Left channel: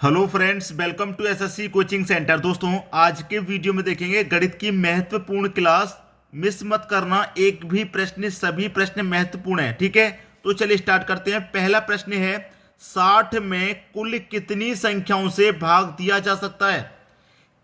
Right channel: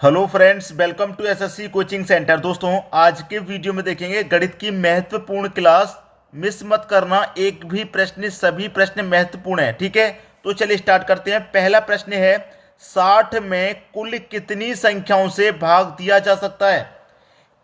Hello friends, welcome to SSC coaching centre. दोस्तों, आज के वीडियो में देखेंगे गणित की महत्वपूर्ण क्लास। मिस मत करना, एक भी प्रश्न, सभी प्रश्न महत्वपूर्ण है। ठीक है, तो चलिए स्टार्ट करते हैं। पहला प्रश्न है, 60 में कुल कितनी संख्याओं से भाग दिया जा सकता है?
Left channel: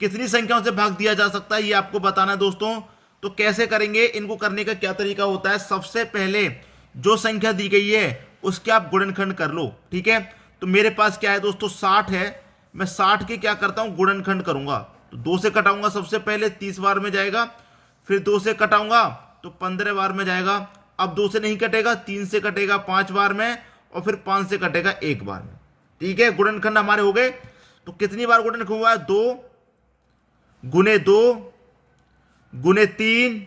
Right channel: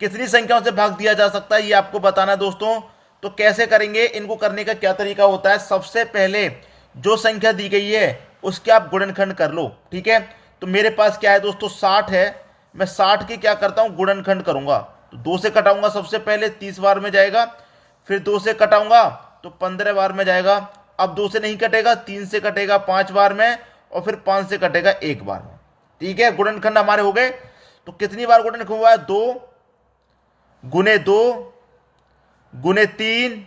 कितनी संख्याओं से भाग दिया जा सकता है ये आपको बताना है दोस्तों। तो कैसे करेंगे, इनको करने का क्या तरीका होता है? सबसे पहले जो संख्या दी गई है उसके आप गुणनखंड कर लो। ठीक है, तो मेरे पास क्या है दोस्तों, 60 है। मैं 60 की क्या करता हूं, गुणनखंड करूंगा। तो 2 से कटाऊंगा, सबसे पहले 30 बार में जाएगा। फिर 2 से कटाऊंगा तो 15 बार में जाएगा। अब 2 से नहीं कटेगा, 3 से कटेगा 5 बार में, और फिर 5 से कटेगा 1 बार में। ठीक है, गुणनखंड हमारे हो गए। तो कितनी बार गुणनखंड हुआ है? 2 गुने 3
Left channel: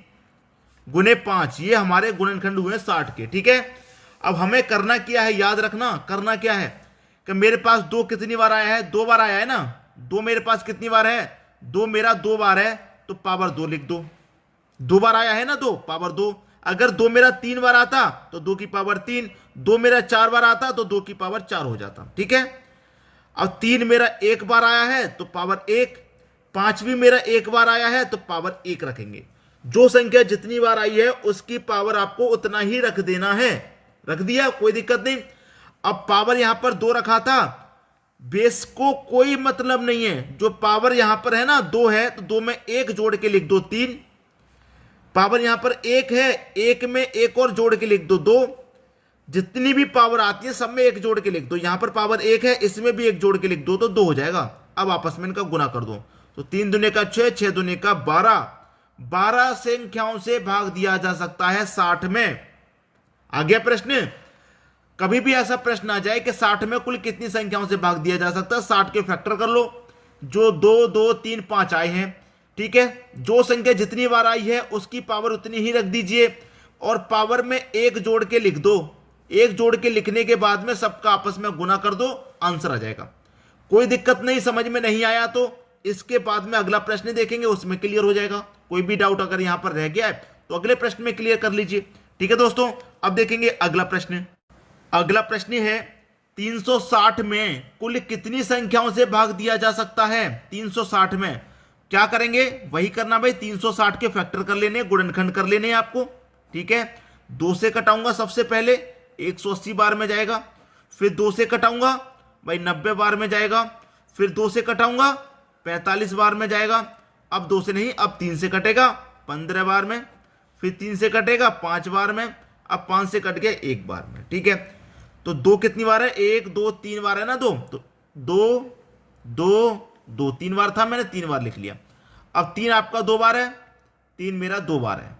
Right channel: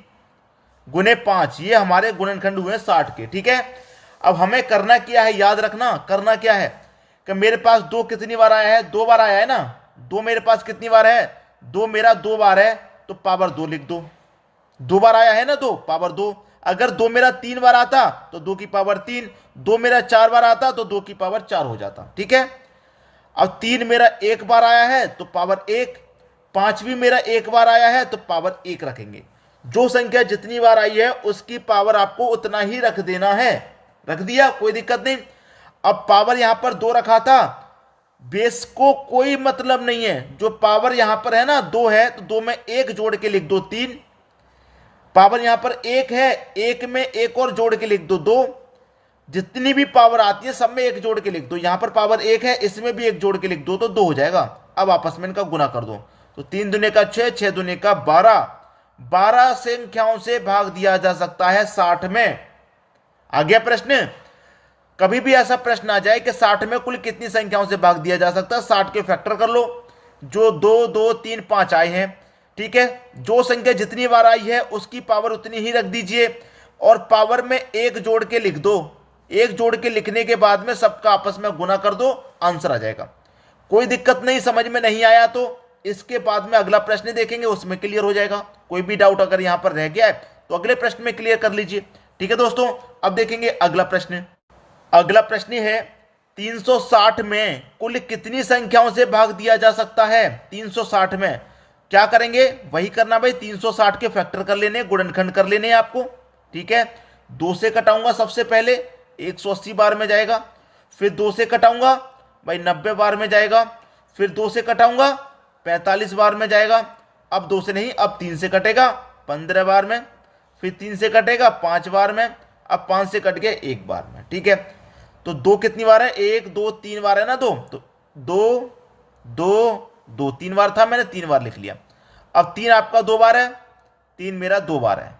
गुने 5, ये हमारे गुणनखंड हुए 60 के। ठीक है, अब हमें करना क्या है, याद रखना करना क्या है कि मेरे पास 2 कितनी बार आया है? 2 बार आया है ना। 2 मेरे पास कितनी बार है? 2 मेरा 2 बार है, तो पावर 2 लिख दो। 2 बार आया है ना, 2 पावर 2। अगर 2 मेरा 3 बार आता तो 2 की पावर 3। 2 मेरा 4 बार आता तो 2 की पावर 4 हो जाता। ठीक है, अब 3 मेरा 1 बार आया है तो पावर 1। 5 भी मेरा 1 बार आया है तो पावर 1 रखेंगे। जो संख्या जितनी बार आई है उसकी पावर आपको उतना ही रख देना है। रख दिया, कोई दिक्कत नहीं। अब पावर यहां पर 2 रखा था, बेस को कोई मतलब नहीं है। जो पावर यहां पर है ना 2 है, तो 2 में 1 जोड़ के लिख दो 3। पावर यहां पर 1 है, 1 में 1 और जोड़ के लिख दो 2। जितनी भी पावर आती है सब में 1 जोड़ के लिख दो। यहां पर पावर 1 है, इसमें भी 1 जोड़ के लिख दो तो 2 हो जाएगा। अब आपस में इनका गुना कर दो, तो 3 दूने का 6, 6 दूने का 12। 12 संख्याओं से भाग दिया जा सकता है 60 में। आ गया प्रश्न। कभी भी ऐसा प्रश्न आ जाए कि 60 में कुल कितनी संख्याओं से भाग दिया जा सकता है, 60 के फैक्टर कर लो। जो 2 2 3 5 आए हैं, ठीक है, जो संख्या जितनी बार आई है उसकी पावर उतनी ही रख दीजिए, और पावर में 1 जोड़ के लिख दो। 1 जोड़ के लिखने के बाद में सबका आपस में गुना कर दो, आंसर आ जाएगा। कोई दिक्कत नहीं, समझ में नहीं आया तो इसके बाद में अगला प्रश्न देखेंगे, उसमें क्लियर हो जाएगा। कोई भी डाउट अगर यहां पर रह गया है तो अगले प्रश्न में क्लियर कर लीजिए। ठीक है दोस्तों, अब देखेंगे अगला प्रश्न। अगला प्रश्न है, 360 में कुल कितनी संख्याओं से भाग दिया जा सकता है? 360 में क्या करेंगे, वही करना भाई, 360 के फैक्टर कर लेने, गुणनखंड कर लेने आपको। ठीक है, 2 से कटाऊंगा सबसे पहले, 180 बार में जाएगा। फिर 2 से कटाऊंगा भाई 90 बार में जाएगा। फिर 2 से कटाऊंगा 45 बार में जाएगा। अब 2 से नहीं, अब 3 से कटेगा 15 बार में। फिर 3 से कटेगा 5 बार में। अब 5 से कट गया 1 बार में। ठीक है, तो 2 कितनी बार है? 1 2 3 बार है ना। 2 तो 2 2 2 3 बार था, मैंने 3 बार लिख लिया। अब 3 आपका 2 बार है, 3 मेरा 2 बार है,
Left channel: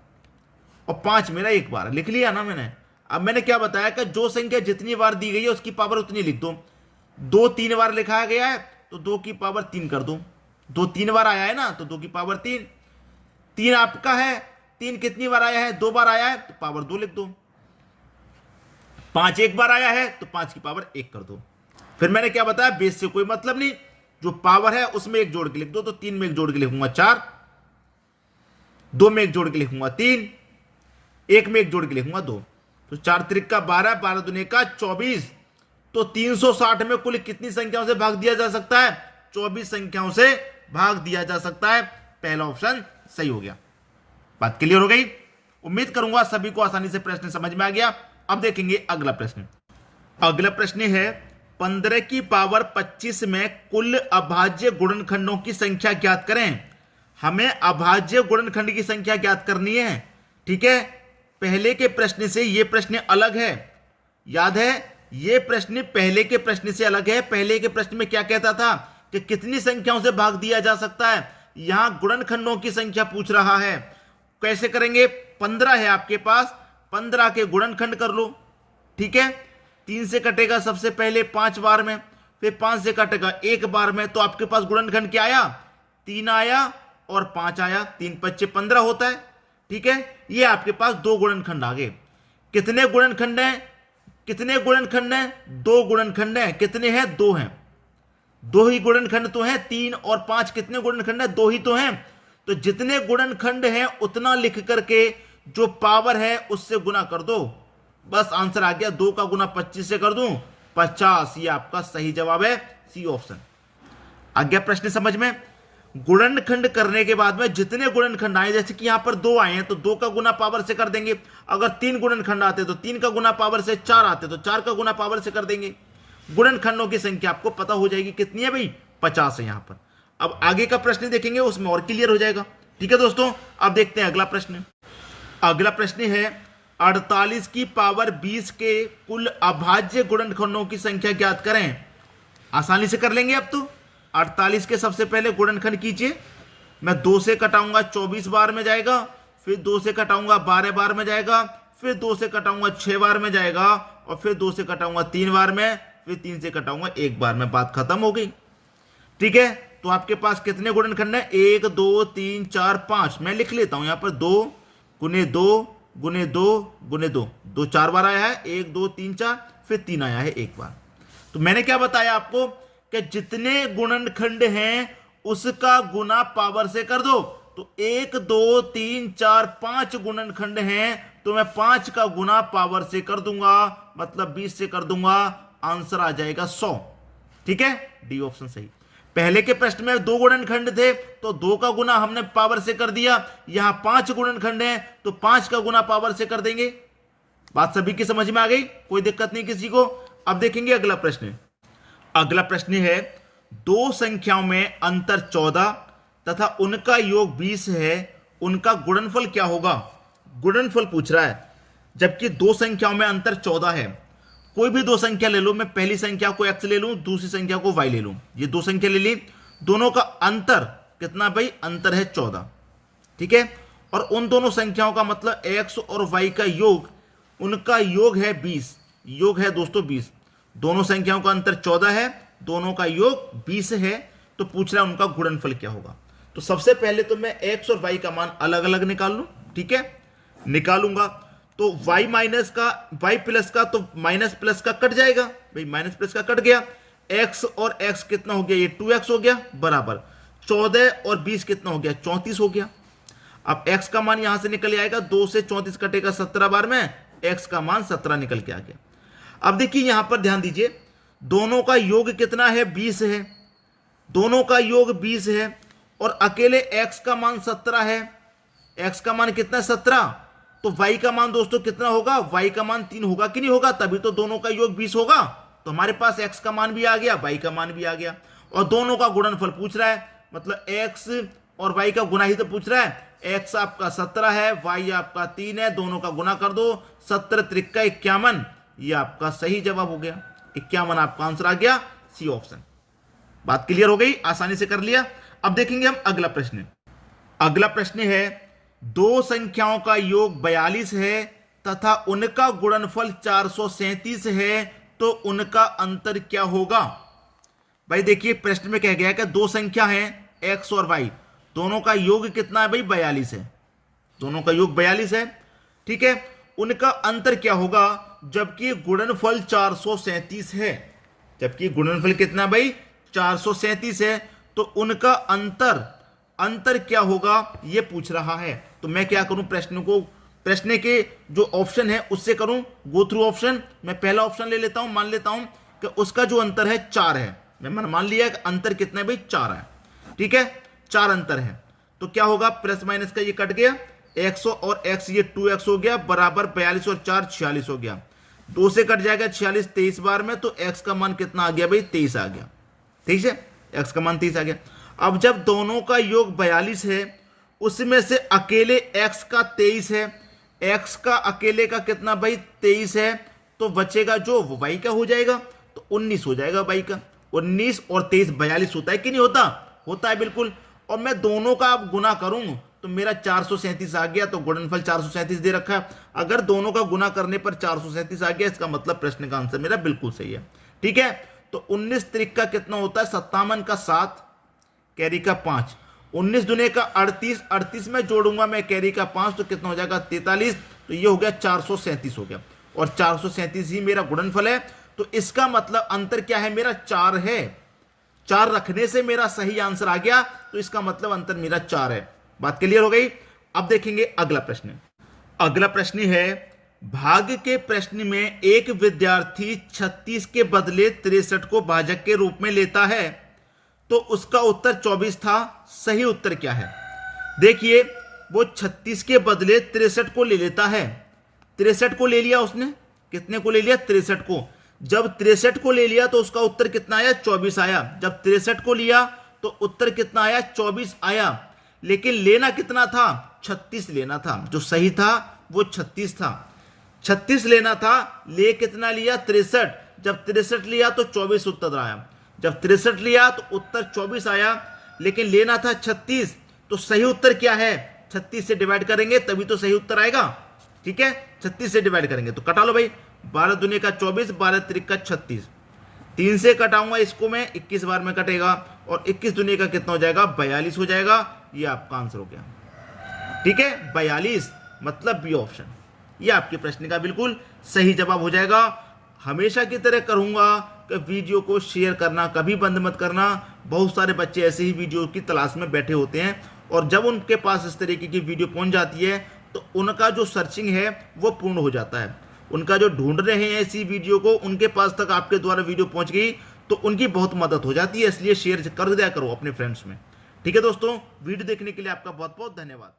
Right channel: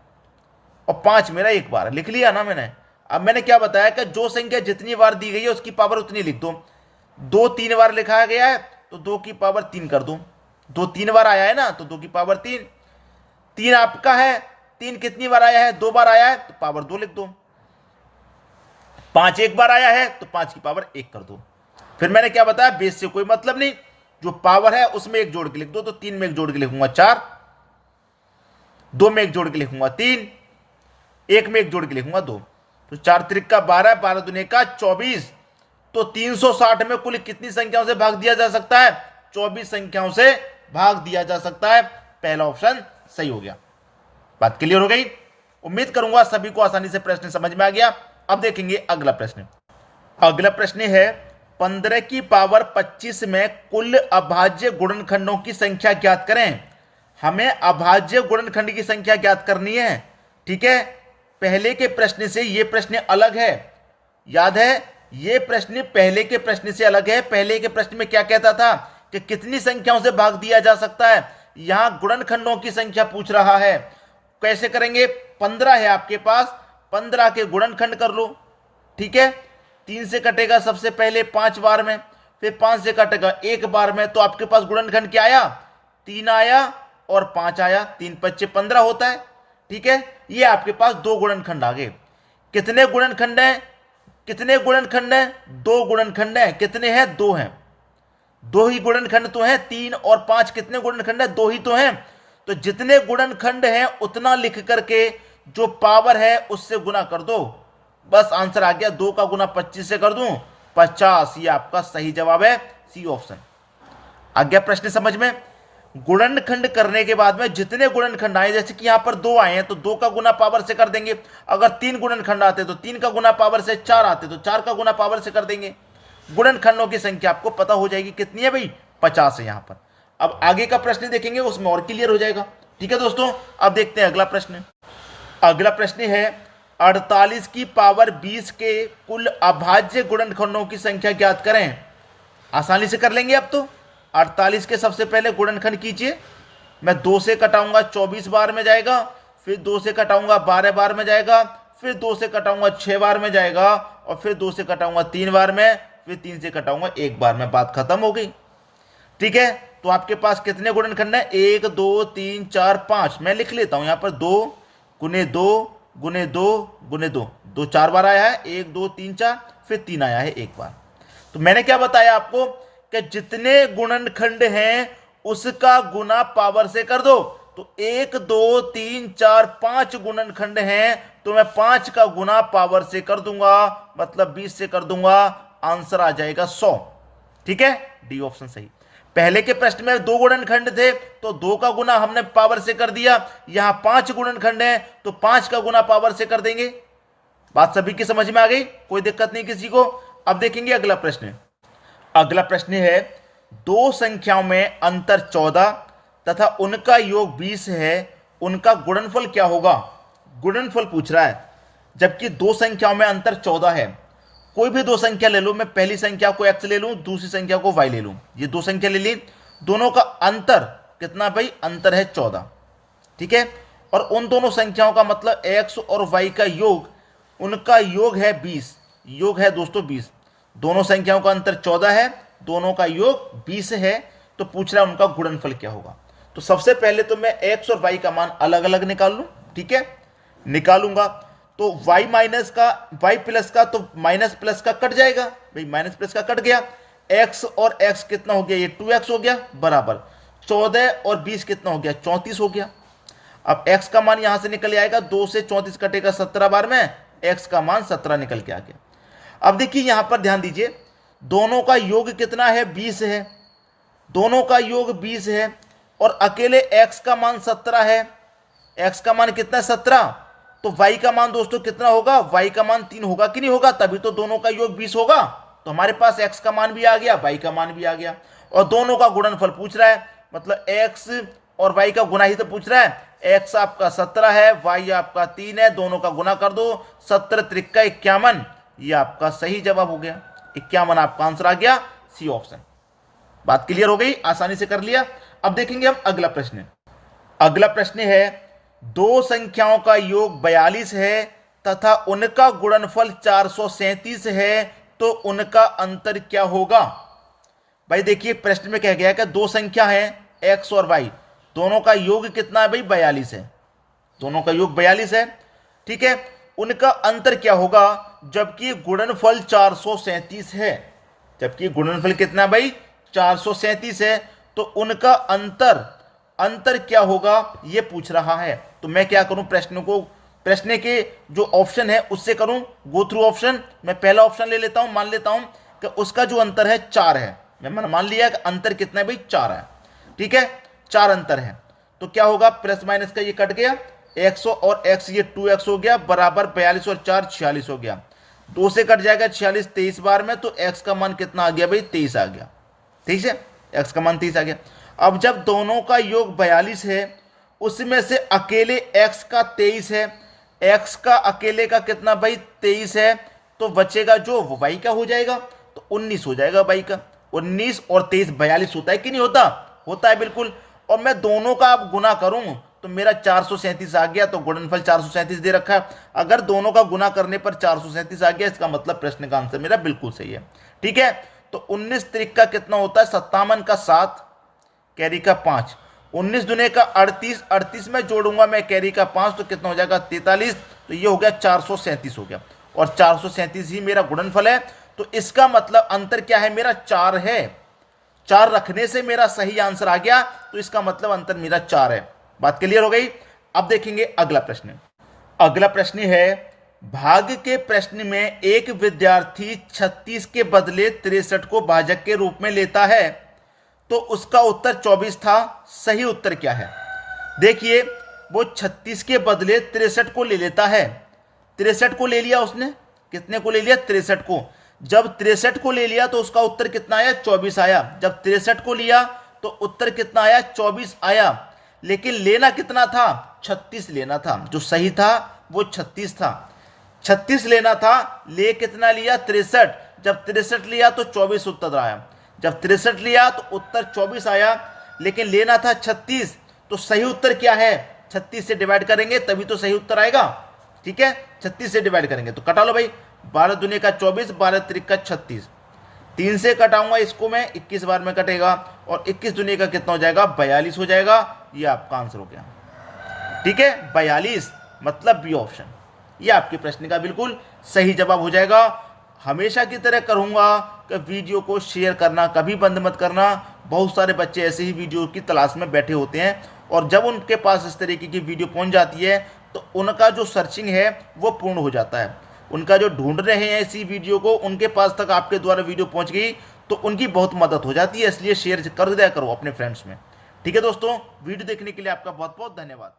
और 5 मेरा 1 बार है। लिख लिया ना मैंने। अब मैंने क्या बताया कि जो संख्या जितनी बार दी गई है उसकी पावर उतनी लिख दो। 2 3 बार लिखा गया है तो 2 की पावर 3 कर दो। 2 3 बार आया है ना, तो 2 की पावर 3। 3 आपका है, 3 कितनी बार आया है? 2 बार आया है, तो पावर 2 लिख दो। 5 1 बार आया है तो 5 की पावर 1 कर दो। फिर मैंने क्या बताया, बेस से कोई मतलब नहीं, जो पावर है उसमें 1 जोड़ के लिख दो। तो 3 में 1 जोड़ के लिखूंगा 4, 2 में 1 जोड़ के लिखूंगा 3, 1 में 1 जोड़ के लिखूंगा 2। तो 4 त्रिक का 12, 12 दूने का 24। तो 360 में कुल कितनी संख्याओं से भाग दिया जा सकता है? 24 संख्याओं से भाग दिया जा सकता है। पहला ऑप्शन सही हो गया। बात क्लियर हो गई? उम्मीद करूंगा सभी को आसानी से प्रश्न समझ में आ गया। अब देखेंगे अगला प्रश्न। अगला प्रश्न है, 15 की पावर 25 में कुल अभाज्य गुणनखंडों की संख्या ज्ञात करें। हमें अभाज्य गुणनखंड की संख्या ज्ञात करनी है। ठीक है, पहले के प्रश्न से यह प्रश्न अलग है। याद है, यह प्रश्न पहले के प्रश्न से अलग है। पहले के प्रश्न में क्या कहता था कि कितनी संख्याओं से भाग दिया जा सकता है, यहां गुणनखंडों की संख्या पूछ रहा है। कैसे करेंगे? 15 है आपके पास, 15 के गुणनखंड कर लो। ठीक है, 3 से कटेगा सबसे पहले 5 बार में, फिर 5 से कटेगा 1 बार में। तो आपके पास गुणनखंड क्या आया? 3 आया और 5 आया। 3 5 15 होता है। ठीक है, ये आपके पास 2 गुणनखंड आ गए। कितने गुणनखंड हैं? कितने गुणनखंड हैं? 2 गुणनखंड हैं। कितने हैं? 2 हैं। 2 ही गुणनखंड तो हैं। 3 और 5 कितने गुणनखंड हैं? 2 ही तो हैं। तो जितने गुणनखंड हैं उतना लिख करके जो पावर है उससे गुना कर दो, बस आंसर आ गया। 2 का गुना 25 से कर दूं 50। ये आपका सही जवाब है, सी ऑप्शन। आ गया प्रश्न समझ में? गुणनखंड करने के बाद में जितने गुणनखंड आए, जैसे कि यहां पर 2 आए हैं तो 2 का गुना पावर से कर देंगे। अगर 3 गुणनखंड आते तो 3 का गुना पावर से, 4 आते तो 4 का गुना पावर से कर देंगे। गुणनखंडों की संख्या आपको पता हो जाएगी कितनी है भाई, 50 है यहां पर। अब आगे का प्रश्न देखेंगे, उसमें और क्लियर हो जाएगा। ठीक है दोस्तों, अब देखते हैं अगला प्रश्न। अगला प्रश्न है 48 की पावर 20 के कुल अभाज्य गुणनखंडों की संख्या ज्ञात करें। आसानी से कर लेंगे अब तो। 48 के सबसे पहले गुणनखंड कीजिए। मैं 2 से कटाऊंगा 24 बार में जाएगा, फिर 2 से कटाऊंगा 12 बार में जाएगा, फिर 2 से कटाऊंगा 6 बार में जाएगा, और फिर 2 से कटाऊंगा 3 बार में, फिर 3 से कटाऊंगा 1 बार में। बात खत्म हो गई। ठीक है, तो आपके पास कितने गुणनखंड है? 1 2 3 4 5। मैं लिख लेता हूं यहां पर 2 गुने 2 गुने 2 गुने 2। 2 4 बार आया है, 1 2 3 4, फिर 3 आया है 1 बार। तो मैंने क्या बताया आपको कि जितने गुणनखंड हैं उसका गुना पावर से कर दो। तो 1 2 3 4 5 गुणनखंड हैं, तो मैं 5 का गुना पावर से कर दूंगा, मतलब 20 से कर दूंगा। आंसर आ जाएगा 100। ठीक है, डी ऑप्शन सही। पहले के प्रश्न में 2 गुणनखंड थे तो 2 का गुना हमने पावर से कर दिया। यहां 5 गुणनखंड हैं तो 5 का गुना पावर से कर देंगे। बात सभी की समझ में आ गई, कोई दिक्कत नहीं किसी को। अब देखेंगे अगला प्रश्न। अगला प्रश्न है 2 संख्याओं में अंतर 14 तथा उनका योग 20 है, उनका गुणनफल क्या होगा? गुणनफल पूछ रहा है, जबकि 2 संख्याओं में अंतर 14 है। कोई भी 2 संख्या ले लो, मैं पहली संख्या को x ले लूं, दूसरी संख्या को y ले लूं। ये 2 संख्या ले ली, दोनों का अंतर कितना भाई? अंतर है 14। ठीक है, और उन दोनों संख्याओं का मतलब x और y का योग, उनका योग है 20। योग है दोस्तों 20। दोनों संख्याओं का अंतर 14 है, दोनों का योग 20 है। तो पूछ रहा है उनका गुणनफल क्या होगा। तो सबसे पहले तो मैं x और y का मान अलग अलग निकाल लूं। ठीक है, निकालूंगा तो y माइनस का, y प्लस का तो माइनस प्लस का कट जाएगा भाई, माइनस प्लस का कट गया। x और x कितना हो गया? ये 2x हो गया, बराबर 14 और 20 कितना हो गया? 34 हो गया। अब x का मान यहां से निकल आएगा, 2 से 34 कटेगा 17 बार में, x का मान 17 निकल के आ गया। अब देखिए यहां पर ध्यान दीजिए, दोनों का योग कितना है? 20 है। दोनों का योग 20 है और अकेले x का मान 17 है। x का मान कितना है? 17। तो y का मान दोस्तों कितना होगा? y का मान 3 होगा कि नहीं होगा? तभी तो दोनों का योग 20 होगा। तो हमारे पास x का मान भी आ गया, y का मान भी आ गया, और दोनों का गुणनफल पूछ रहा है, मतलब x और y का गुना ही तो पूछ रहा है। x आपका 17 है, y आपका 3 है, दोनों का गुना कर दो, 17 त्रिका 51। ये आपका सही जवाब हो गया, 51 आपका आंसर आ गया, सी ऑप्शन। बात क्लियर हो गई, आसानी से कर लिया। अब देखेंगे हम अगला प्रश्न। अगला प्रश्न है 2 संख्याओं का योग 42 है तथा उनका गुणनफल 437 है, तो उनका अंतर क्या होगा? भाई देखिए प्रश्न में कह गया है कि 2 संख्या है x और y, दोनों का योग कितना है भाई? 42 है। दोनों का योग 42 है। ठीक है, उनका अंतर क्या होगा? जबकि गुणनफल 437 है। जबकि गुणनफल कितना भाई? 437 है। तो उनका अंतर क्या होगा ये पूछ रहा है। तो मैं क्या करूं, प्रश्न के जो ऑप्शन है उससे करूं गो थ्रू ऑप्शन। मैं पहला ऑप्शन ले लेता हूं, मान लेता हूं कि उसका जो अंतर है 4 है। मैंने मान लिया कि अंतर कितना है भाई? 4 है। ठीक है, 4 अंतर है। तो क्या होगा? प्लस माइनस का ये कट गया, x और x ये 2x हो गया, बराबर 42 और 4 46 हो गया। 2 से कट जाएगा 46 23 बार में, तो x का मान कितना आ गया भाई? 23 आ गया। ठीक है, x का मान 23 आ गया। अब जब दोनों का योग 42 है, उसमें से अकेले x का 23 है, x का अकेले का कितना भाई? 23 है, तो बचेगा जो वो y का हो जाएगा, तो 19 हो जाएगा y का। 19 और 23 42 होता है कि नहीं होता? होता है बिल्कुल। और मैं दोनों का अब गुना करूं तो मेरा 437 आ गया, तो गुणनफल 437 दे रखा है। अगर दोनों का गुना करने पर 437 आ गया, इसका मतलब प्रश्न का आंसर मेरा बिल्कुल सही है। ठीक है, तो 19 त्रिक का कितना होता है? 57 का 7, कैरी का 5, 19 दुने का 38, 38 में जोड़ूंगा मैं कैरी का 5, तो कितना हो जाएगा? 43। तो ये हो गया 437 हो गया, और 437 ही मेरा गुणनफल है। तो इसका मतलब अंतर क्या है? मेरा 4 है। 4 रखने से मेरा सही आंसर आ गया, तो इसका मतलब अंतर मेरा 4 है। बात क्लियर हो गई। अब देखेंगे अगला प्रश्न। अगला प्रश्न है भाग के प्रश्न में एक विद्यार्थी 36 के बदले 63 को भाजक के रूप में लेता है, तो उसका उत्तर 24 था। सही उत्तर क्या है? देखिए, वो 36 के बदले 63 को ले लेता है। 63 को ले लिया उसने। कितने को ले लिया? 63 को। जब 63 को ले लिया तो उसका उत्तर कितना आया? 24 आया। जब 63 को लिया तो उत्तर कितना आया? 24 आया। लेकिन लेना कितना था? 36 लेना था। जो सही था वो 36 था। 36 लेना था, ले कितना लिया? 63। जब 63 लिया तो 24 उत्तर आया। जब 63 लिया तो उत्तर 24 आया, लेकिन लेना था 36। तो सही उत्तर क्या है? 36 से डिवाइड करेंगे तभी तो सही उत्तर आएगा। ठीक है, 36 से डिवाइड करेंगे तो कटा लो भाई। 12 दूनी का 24, 12 त्रिक का 36। 3 से कटाऊंगा इसको मैं, 21 बार में कटेगा, और 21 दूनी का कितना हो जाएगा? 42 हो जाएगा। ये आपका आंसर हो गया। ठीक है, 42 मतलब बी ऑप्शन। ये आपके प्रश्न का बिल्कुल सही जवाब हो जाएगा। हमेशा की तरह करूंगा कि वीडियो को शेयर करना कभी बंद मत करना। बहुत सारे बच्चे ऐसे ही वीडियो की तलाश में बैठे होते हैं, और जब उनके पास इस तरीके की वीडियो पहुंच जाती है तो उनका जो सर्चिंग है वो पूर्ण हो जाता है। उनका जो ढूंढ रहे हैं इसी वीडियो को, उनके पास तक आपके द्वारा वीडियो पहुंच गई तो उनकी बहुत मदद हो जाती है। इसलिए शेयर कर दिया करो अपने फ्रेंड्स में। ठीक है दोस्तों, वीडियो देखने के लिए आपका बहुत बहुत धन्यवाद।